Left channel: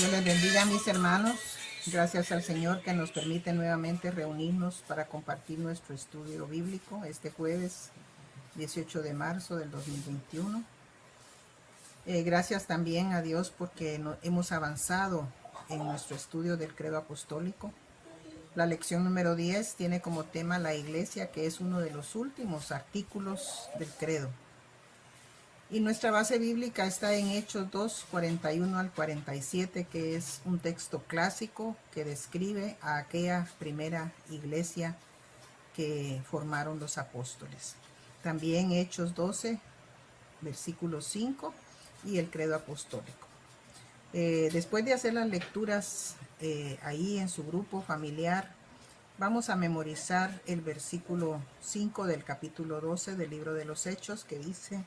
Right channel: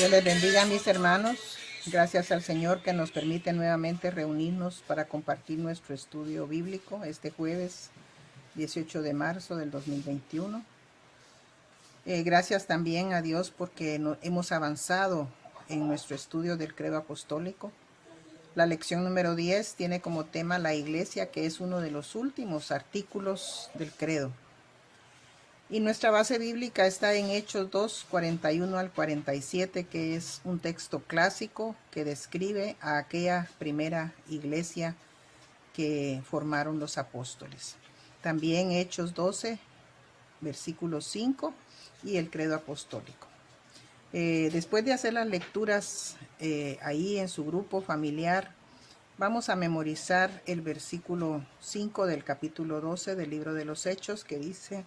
Dios les bendiga, mis hermanos. Gracias al Señor que nos permite nuevamente reunirnos para compartir nuestro estudio bíblico este jueves 18 de marzo del 2021. Gracias también a Dios porque hemos avanzado en nuestro estudio del credo apostólico. La lección número 10 tiene como tema la iglesia, que es uno de los últimos artículos del credo. Y nuestra base bíblica está en Hechos 2, 41 al 47, que es un texto clásico que describe a aquella primera iglesia que formaron los apóstoles. También Hechos 12, versículo 5 y el credo apostólico. Después de hacer las lecturas ahí en su grupo familiar, vamos a memorizar el versículo 5 del capítulo 12 del libro de los Hechos, que dice:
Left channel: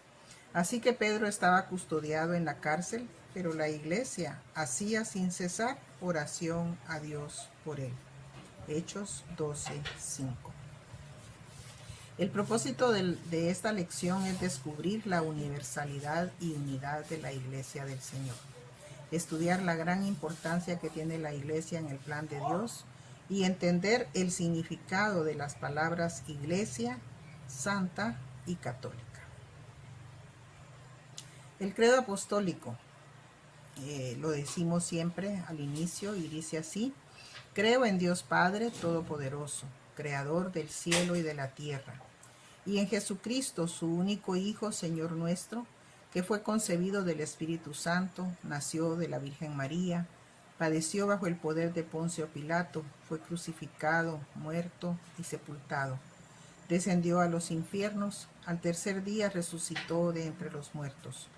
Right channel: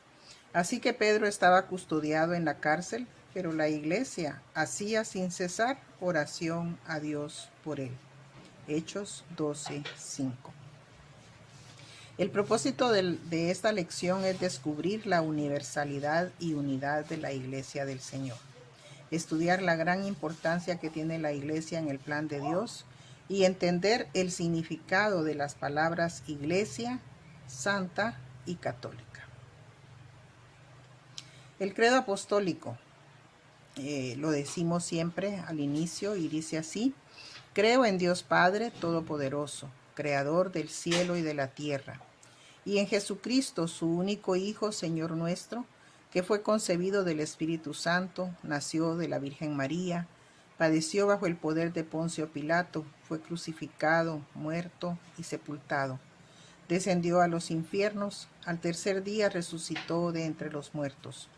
Así que Pedro estaba custodiado en la cárcel, pero la iglesia hacía sin cesar oración a Dios por él. Hechos 12:5. El propósito de esta lección es descubrir la universalidad y unidad de la iglesia del Señor, estudiar la gran importancia que tiene la iglesia en el plan de Dios y entender el significado de las palabras iglesia, santa y católica. El credo apostólico, lo decimos siempre al inicio y dice así: creo en Dios Padre Todopoderoso, Creador del cielo y de la tierra, y en Jesucristo, su único Hijo, Señor nuestro, que fue concebido del Espíritu Santo, nació de la Virgen María, padeció bajo el poder de Poncio Pilato, fue crucificado, muerto y sepultado. Descendió a los infiernos, al tercer día resucitó de entre los muertos.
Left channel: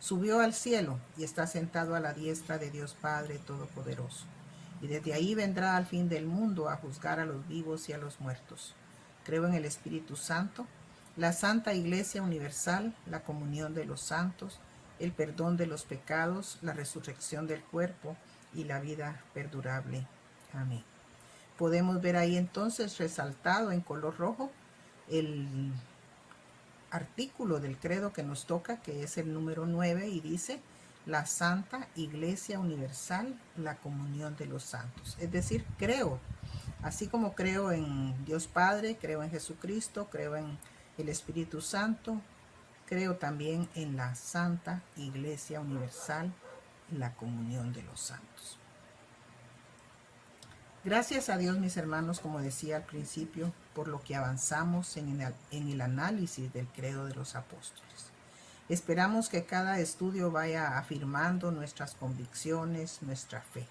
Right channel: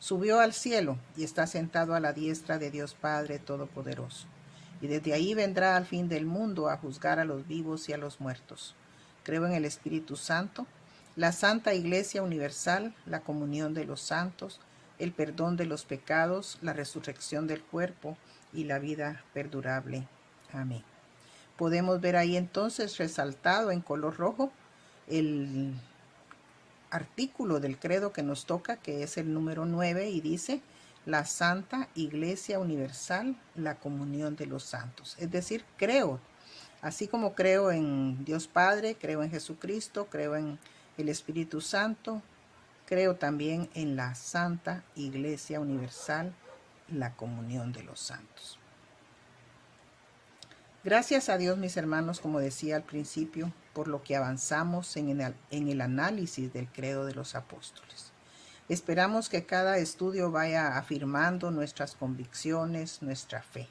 Subió al cielo y está sentado a la diestra de Dios Padre Todopoderoso. Y desde ahí vendrá al fin del mundo a juzgar a los vivos y a los muertos. Creo en el Espíritu Santo, la Santa Iglesia Universal, la comunión de los santos, el perdón de los pecados, la resurrección del cuerpo y la vida perdurable. Amén. Podemos ver ahí entonces resaltado en color rojo el artículo del credo que nos toca, que es el número 9, y dice: la Santa Iglesia Universal, la comunión de los santos. Es decir, creo, así como creo en Dios Padre, creo en Jesucristo, creo en el Espíritu Santo, creo también en la Santa Iglesia Universal, la comunión de los santos. Gracias a Dios, mis hermanos, como decía al principio, por lo que avanzamos en el análisis del credo de los apóstoles. Esperamos que cada estudio vaya afirmando nuestras convicciones, nuestra fe.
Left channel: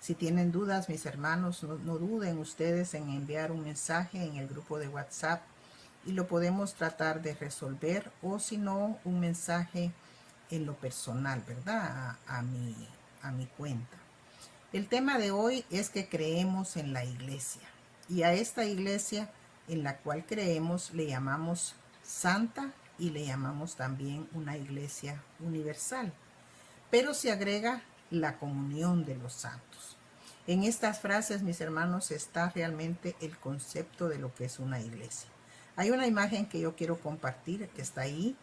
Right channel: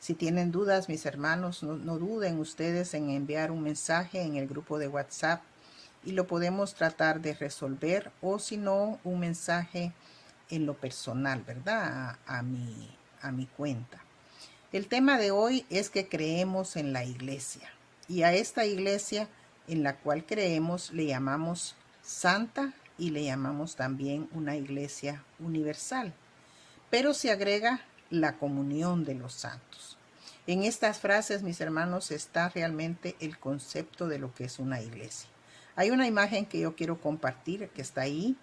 Si tienen dudas, mis hermanos, no duden ustedes en enviar un mensaje en el grupo de WhatsApp y lo podemos tratar de resolver, o si no, un mensaje en lo personal, ¿verdad? A mi cuenta. El tema de hoy es que creemos en la iglesia, y a esta iglesia en la cual creemos le llamamos santa y le llamamos también una iglesia universal, pero se agrega la comunión de los santos. En estas frases, mis hermanos, está realmente el concepto de lo que es una iglesia. Hay una imagen que yo quiero compartir que está ahí,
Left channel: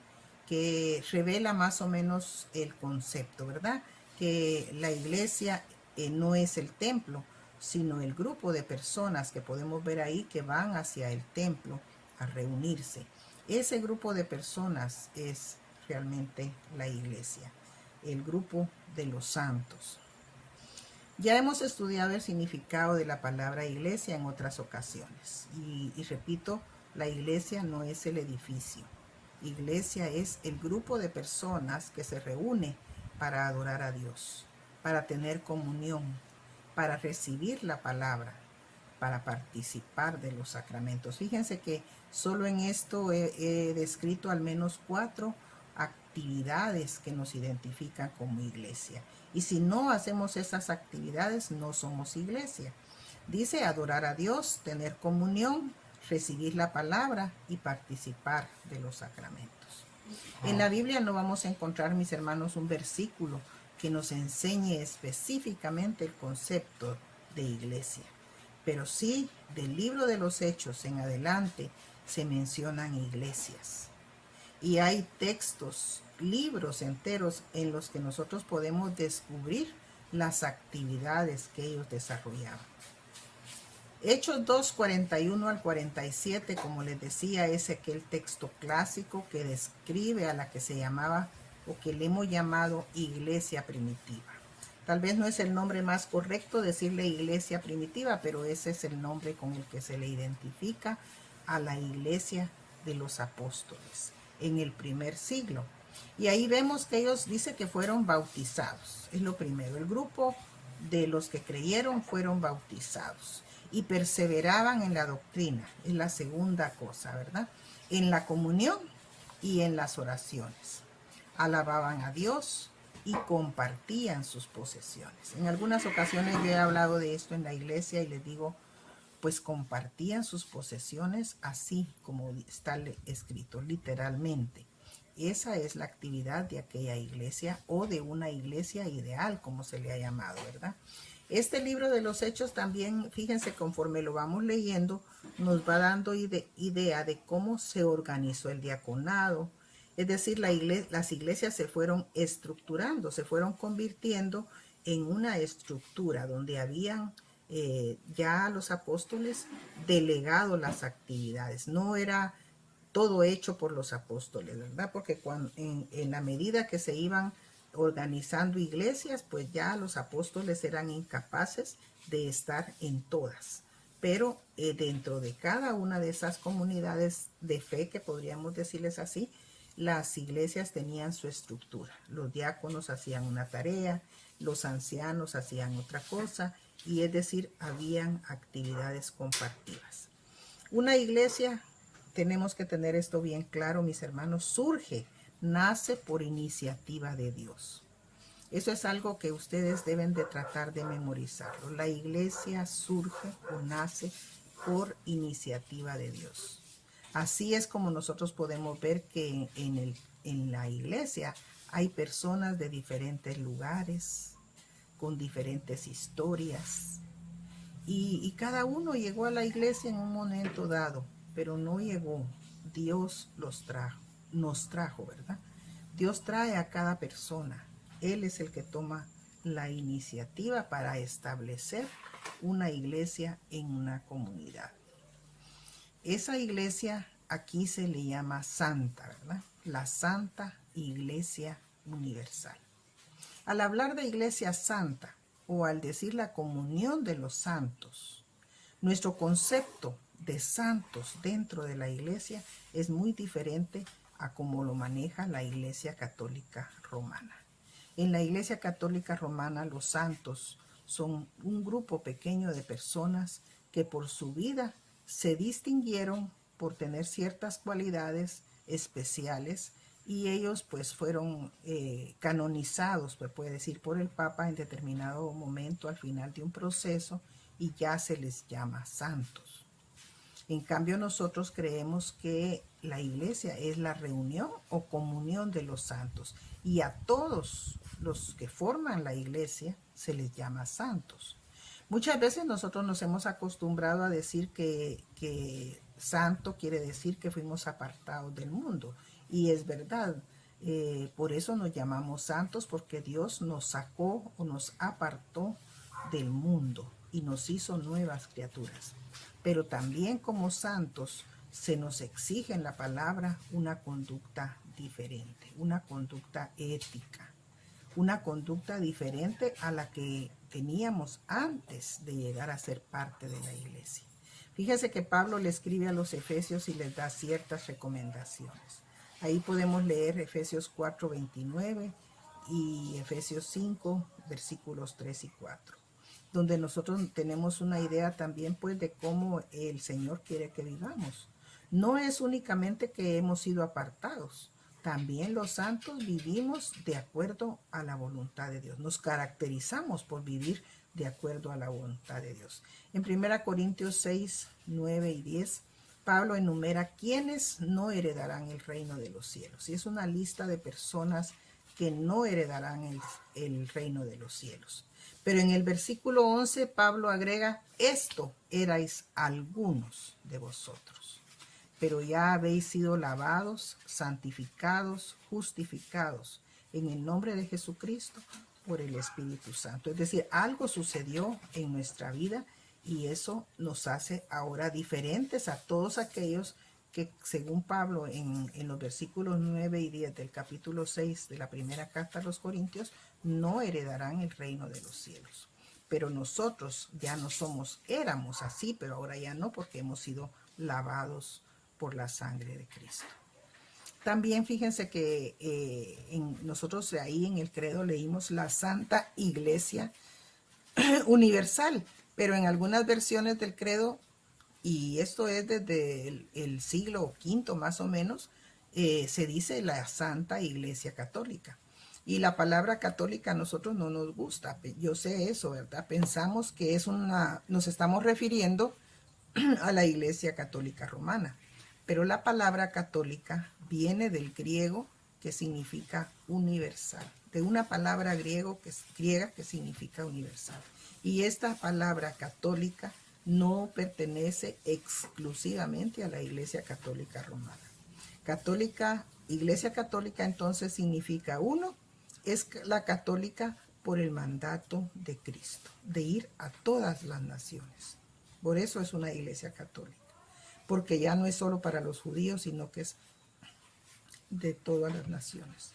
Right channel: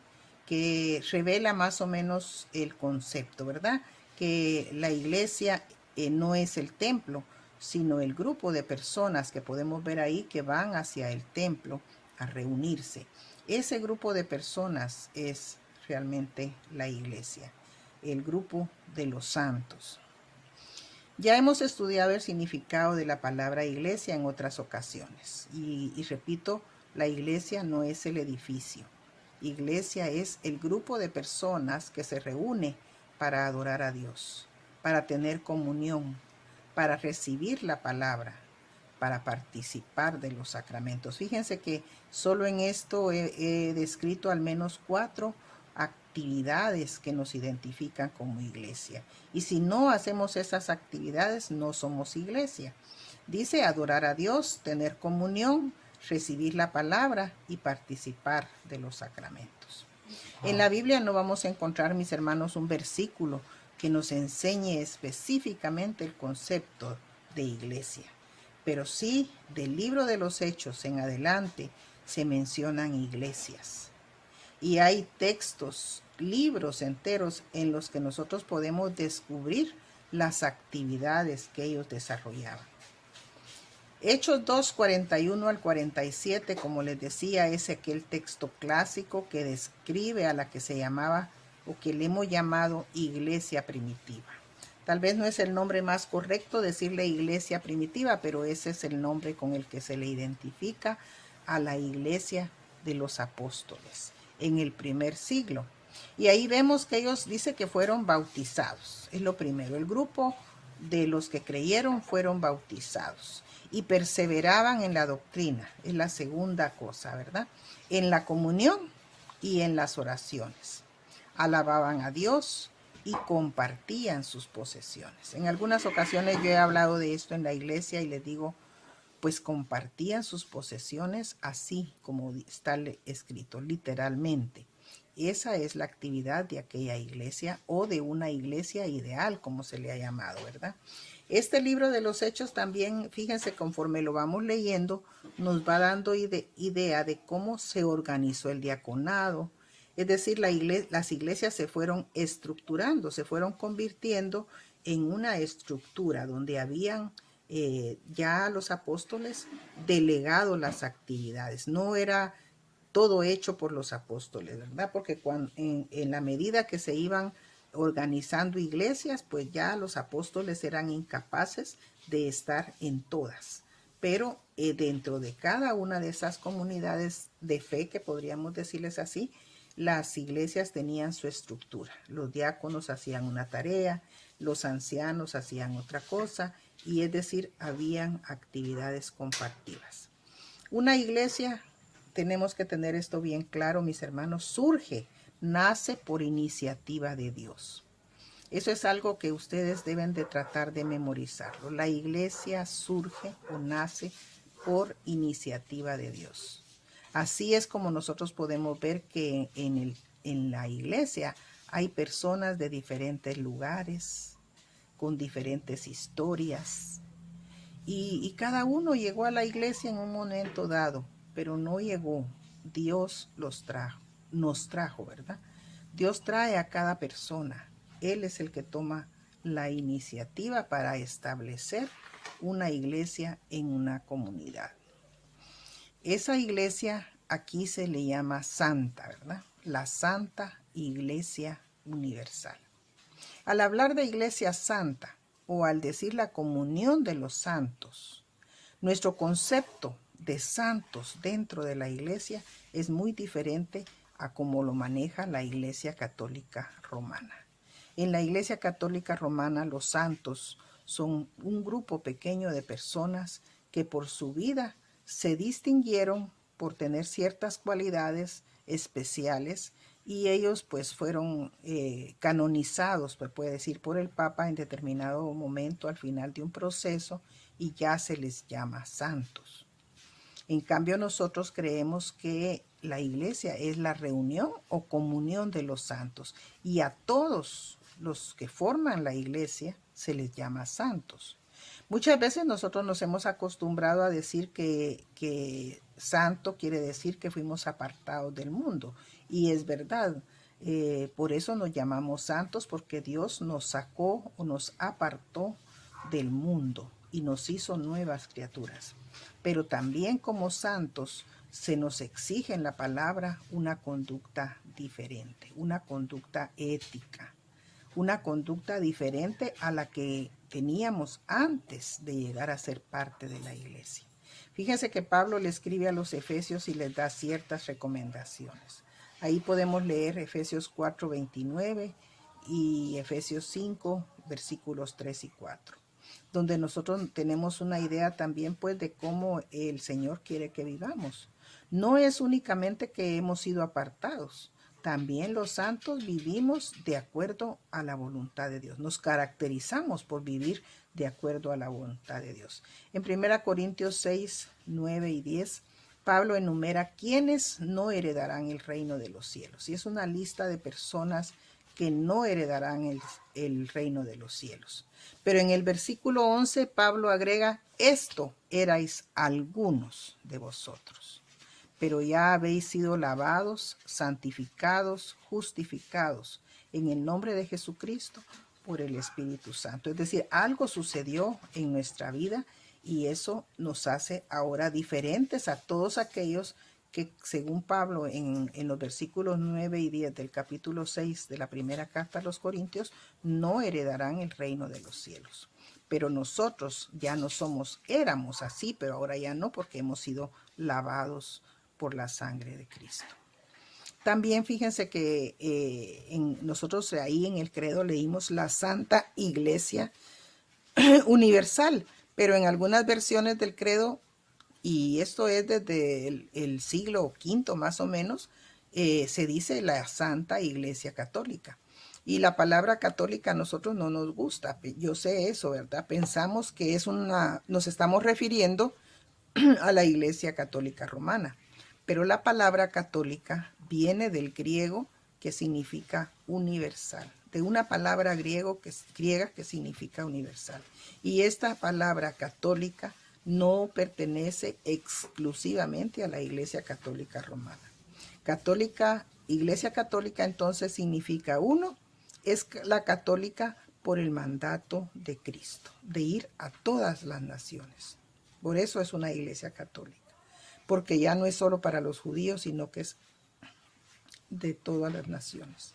que revela más o menos el concepto, ¿verdad? Que la iglesia no es el templo, sino el grupo de personas que podemos ver ahí que van hacia el templo a reunirse. Ese grupo de personas es realmente la iglesia, el grupo de los santos. Ya hemos estudiado el significado de la palabra iglesia en otras ocasiones. Y repito, la iglesia no es el edificio. Iglesia es el grupo de personas que se reúne para adorar a Dios, para tener comunión, para recibir la palabra, para participar de los sacramentos. Fíjense que solo en esto he descrito al menos 4 actividades que nos identifican como iglesia. Y si no hacemos esas actividades, no somos iglesia. Dice adorar a Dios, tener comunión, recibir la palabra y participar de los sacramentos. En la Biblia no vamos a encontrar, mis hermanos, un versículo que nos enseñe específicamente el concepto de iglesia, pero sí del libro de los Hechos en adelante se mencionan iglesias. Y hay textos, libros enteros en los que nosotros podemos descubrir las actividades que ellos desarrollaban. Hechos 2, 41 al 47, como les decía, es aquel texto clásico que describe a la que se llamaba o que le hemos llamado iglesia primitiva. Tal vez no es el nombre más correcto decirle iglesia primitiva, pero ese es el nombre con el que se le identifica a la iglesia de los apóstoles en el primer siglo. Y ahí vemos que ellos dicen que fueron bautizados. Es lo primero. El grupo de los que creyeron fueron bautizados y perseveraban en la doctrina. Es la segunda cosa, ¿verdad? En la comunión y en las oraciones. Alababan a Dios y compartían sus posesiones. En algunas ocasiones yo he hablado de esto en la iglesia y les digo, pues compartían sus posesiones así como está escrito, literalmente. Esa es la actividad de aquella iglesia o de una iglesia ideal, como se le ha llamado, ¿verdad? Este libro de los Hechos también, fíjense, conforme lo vamos leyendo, nos va dando idea de cómo se organizó el diaconado. Es decir, las iglesias se fueron estructurando, se fueron convirtiendo en una estructura donde habían ya los apóstoles delegado las actividades. No era todo hecho por los apóstoles, ¿verdad? Porque en la medida que se iban organizando iglesias, pues ya los apóstoles eran incapaces de estar en todas. Pero dentro de cada una de esas comunidades de fe, que podríamos decirles así, las iglesias tenían su estructura. Los diáconos hacían una tarea, los ancianos hacían otra cosa, y es decir, habían actividades compartidas. Una iglesia, tenemos que tener esto bien claro, mis hermanos, surge, nace por iniciativa de Dios. Eso es algo que ustedes deben de tratar de memorizarlo. La iglesia surge o nace por iniciativa de Dios. Así es como nosotros podemos ver que en la iglesia hay personas de diferentes lugares, con diferentes historias, y cada uno llegó a la iglesia en un momento dado, pero no llegó. Dios nos trajo, ¿verdad? Dios trae a cada persona. Él es el que toma la iniciativa para establecer una iglesia en una comunidad. Esa iglesia aquí se le llama santa, ¿verdad? La Santa Iglesia Universal. Al hablar de iglesia santa o al decir la comunión de los santos, nuestro concepto de santos dentro de la iglesia es muy diferente a cómo lo maneja la Iglesia Católica Romana. En la Iglesia Católica Romana, los santos son un grupo pequeño de personas que por su vida se distinguieron por tener ciertas cualidades especiales, y ellos pues fueron canonizados, pues puede decir, por el Papa en determinado momento al final de un proceso, y ya se les llama santos. En cambio, nosotros creemos que la iglesia es la reunión o comunión de los santos, y a todos los que forman la iglesia se les llama santos. Muchas veces nosotros nos hemos acostumbrado a decir que santo quiere decir que fuimos apartados del mundo, y es verdad. Por eso nos llamamos santos, porque Dios nos sacó o nos apartó del mundo y nos hizo nuevas criaturas. Pero también como santos se nos exige en la palabra una conducta diferente, una conducta ética, una conducta diferente a la que teníamos antes de llegar a ser parte de la iglesia. Fíjese que Pablo le escribe a los efesios y les da ciertas recomendaciones. Ahí podemos leer Efesios 4:29 y Efesios 5, versículos 3 y 4, donde nosotros tenemos una idea también pues de cómo el Señor quiere que vivamos. No es únicamente que hemos sido apartados, también los santos vivimos de acuerdo a la voluntad de Dios. Nos caracterizamos por vivir de acuerdo a la voluntad de Dios. En 1 Corintios 6, 9 y 10, Pablo enumera quiénes no heredarán el reino de los cielos. Y es una lista de personas que no heredarán el reino de los cielos. Pero en el versículo 11, Pablo agrega, esto erais algunos de vosotros, pero ya habéis sido lavados, santificados, justificados en el nombre de Jesucristo por el Espíritu Santo. Es decir, algo sucedió en nuestra vida y eso nos hace ahora diferentes a todos aquellos que, según Pablo en los versículos 9 y 10 del capítulo 6 de la primera carta a los Corintios, no heredarán el reino de los cielos. Pero nosotros ya no éramos así, pero ahora ya no, porque hemos sido lavados por la sangre de Cristo. También fíjense que nosotros ahí en el credo leímos la Santa Iglesia Universal, pero en algunas versiones del credo, y esto es desde el siglo V más o menos, se dice la Santa Iglesia Católica. Y la palabra católica a nosotros no nos gusta. Yo sé eso, ¿verdad? Pensamos que nos estamos refiriendo a la Iglesia Católica Romana. Pero la palabra católica viene del griego, que significa universal, de una palabra griega que significa universal. Y esta palabra católica no pertenece exclusivamente a la Iglesia Católica Romana. Iglesia Católica entonces significa es la católica por el mandato de Cristo, de ir a todas las naciones. Por eso es una iglesia católica, porque ya no es solo para los judíos, sino que es de todas las naciones.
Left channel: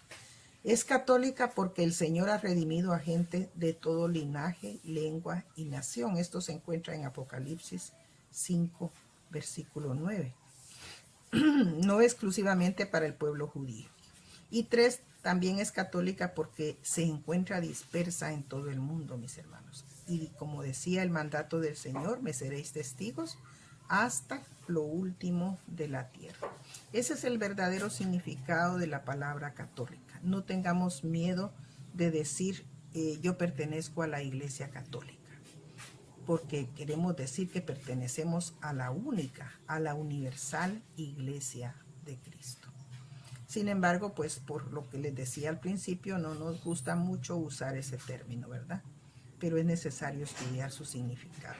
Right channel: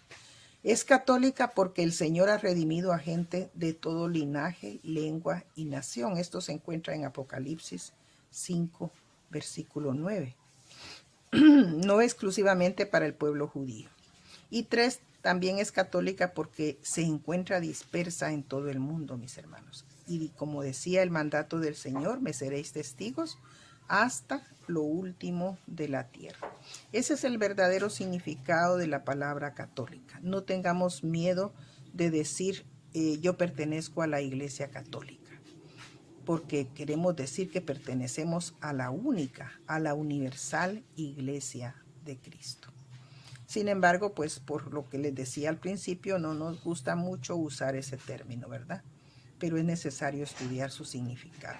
Es católica porque el Señor ha redimido a gente de todo linaje, lengua y nación. Esto se encuentra en Apocalipsis 5, versículo 9. No exclusivamente para el pueblo judío. Y 3, también es católica porque se encuentra dispersa en todo el mundo, mis hermanos. Y como decía el mandato del Señor, me seréis testigos hasta lo último de la tierra. Ese es el verdadero significado de la palabra católica. No tengamos miedo de decir yo pertenezco a la Iglesia Católica, porque queremos decir que pertenecemos a la única, a la universal Iglesia de Cristo. Sin embargo, pues por lo que les decía al principio, no nos gusta mucho usar ese término, ¿verdad? Pero es necesario estudiar su significado.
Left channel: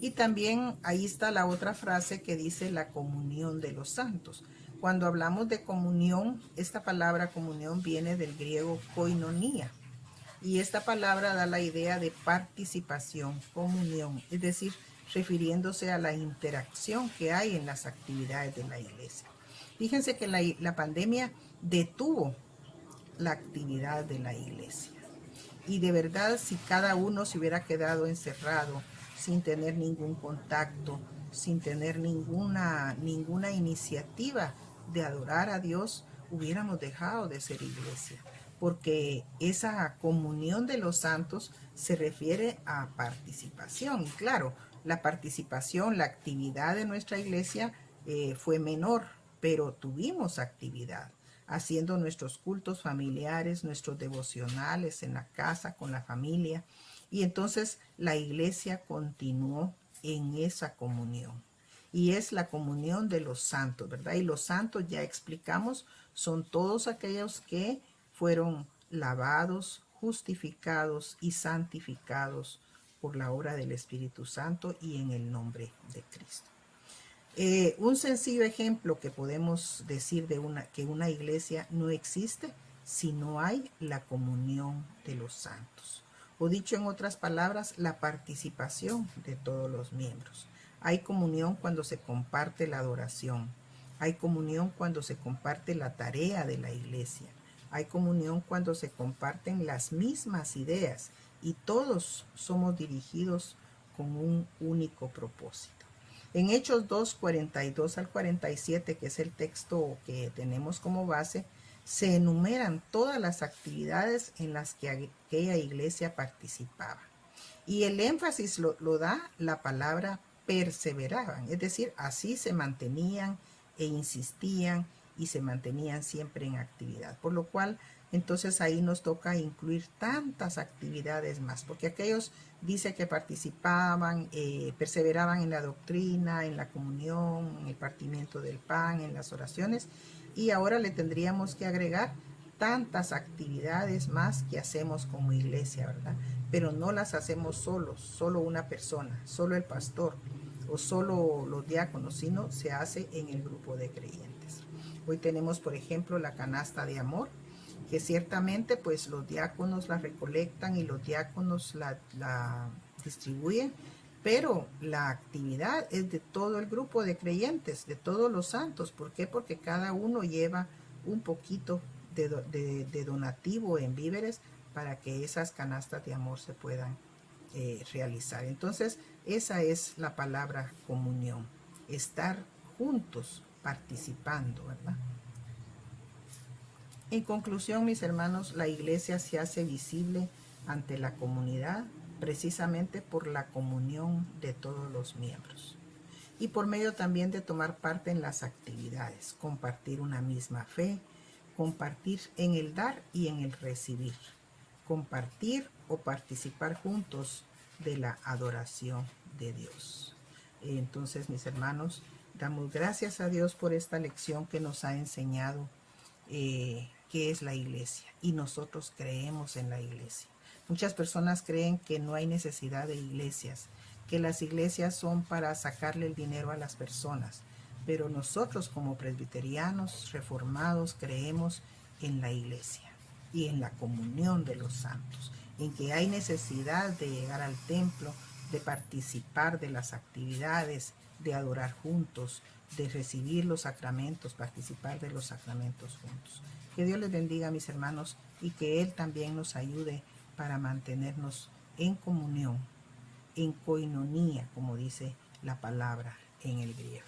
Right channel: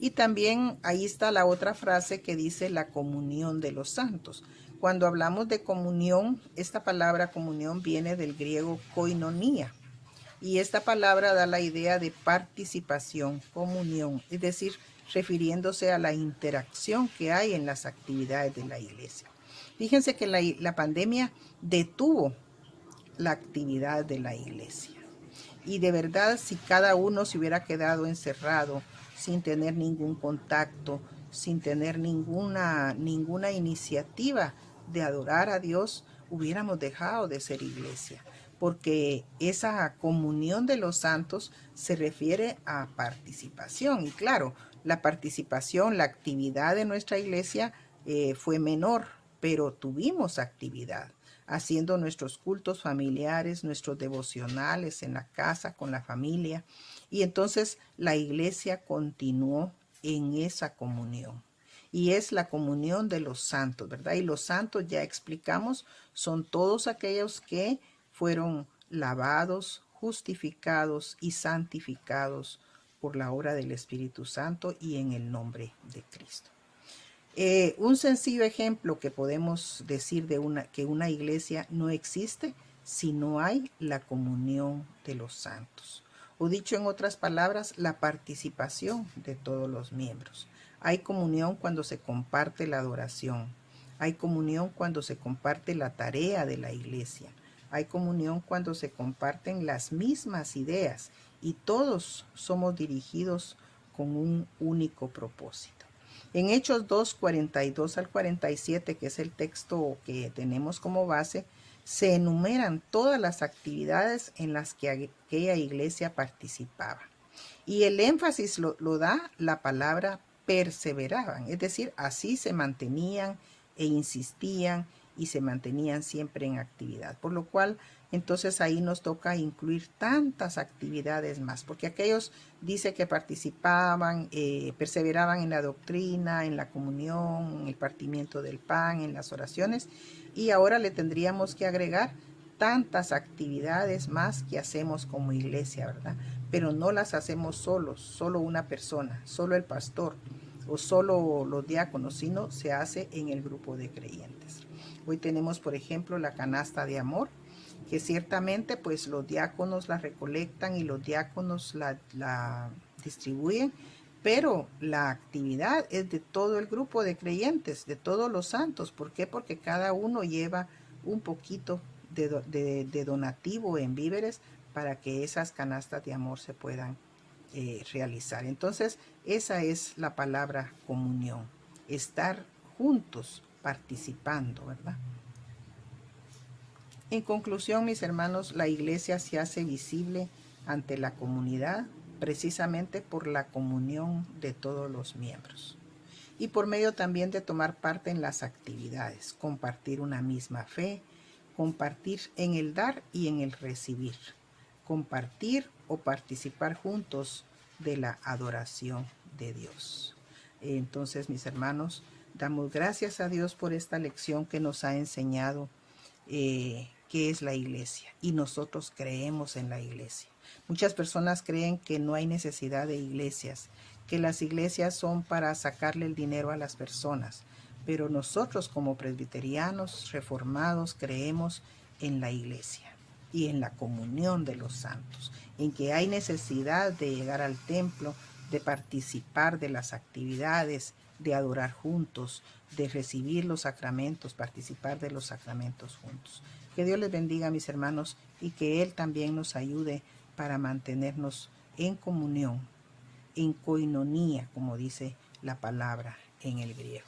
Y también ahí está la otra frase que dice la comunión de los santos. Cuando hablamos de comunión, esta palabra comunión viene del griego koinonia. Y esta palabra da la idea de participación, comunión, es decir, refiriéndose a la interacción que hay en las actividades de la iglesia. Fíjense que la pandemia detuvo la actividad de la iglesia. Y de verdad, si cada uno se hubiera quedado encerrado, sin tener ningún contacto, sin tener ninguna iniciativa de adorar a Dios, hubiéramos dejado de ser iglesia. Porque esa comunión de los santos se refiere a participación. Y claro, la participación, la actividad de nuestra iglesia fue menor, pero tuvimos actividad, haciendo nuestros cultos familiares, nuestros devocionales en la casa, con la familia. Y entonces la iglesia continuó en esa comunión. Y es la comunión de los santos, ¿verdad? Y los santos, ya explicamos, son todos aquellos que fueron lavados, justificados y santificados por la obra del Espíritu Santo y en el nombre de Cristo. Un sencillo ejemplo que podemos decir que una iglesia no existe si no hay la comunión de los santos. O dicho en otras palabras, la participación de todos los miembros. Hay comunión cuando se comparte la adoración. Hay comunión cuando se comparte la tarea de la iglesia. Hay comunión cuando se comparten las mismas ideas y todos somos dirigidos con un único propósito. En Hechos 2, 42 al 47, que es el texto que tenemos como base, se enumeran todas las actividades en las que aquella iglesia participaba. Y el énfasis lo da la palabra perseveraban, es decir, así se mantenían e insistían y se mantenían siempre en actividad. Por lo cual, entonces ahí nos toca incluir tantas actividades más, porque aquellos dice que participaban, perseveraban en la doctrina, en la comunión, en el partimiento del pan, en las oraciones, y ahora le tendríamos que agregar tantas actividades más que hacemos como iglesia, ¿verdad? Pero no las hacemos solos, solo una persona, solo el pastor o solo los diáconos, sino se hace en el grupo de creyentes. Hoy tenemos, por ejemplo, la canasta de amor, que ciertamente pues los diáconos la recolectan y los diáconos la distribuyen, pero la actividad es de todo el grupo de creyentes, de todos los santos. ¿Por qué? Porque cada uno lleva un poquito de donativo en víveres para que esas canastas de amor se puedan realizar. Entonces, esa es la palabra comunión, estar juntos participando, ¿verdad? En conclusión, mis hermanos, la iglesia se hace visible ante la comunidad precisamente por la comunión de todos los miembros y por medio también de tomar parte en las actividades, compartir una misma fe, compartir en el dar y en el recibir, compartir o participar juntos de la adoración de Dios. Entonces, mis hermanos, damos gracias a Dios por esta lección que nos ha enseñado qué es la iglesia, y nosotros creemos en la iglesia. Muchas personas creen que no hay necesidad de iglesias, que las iglesias son para sacarle el dinero a las personas, pero nosotros como presbiterianos reformados creemos en la iglesia y en la comunión de los santos, en que hay necesidad de llegar al templo, de participar de las actividades, de adorar juntos, de recibir los sacramentos, participar de los sacramentos juntos. Que Dios les bendiga, mis hermanos, y que Él también nos ayude para mantenernos en comunión, en koinonía, como dice la palabra en el griego.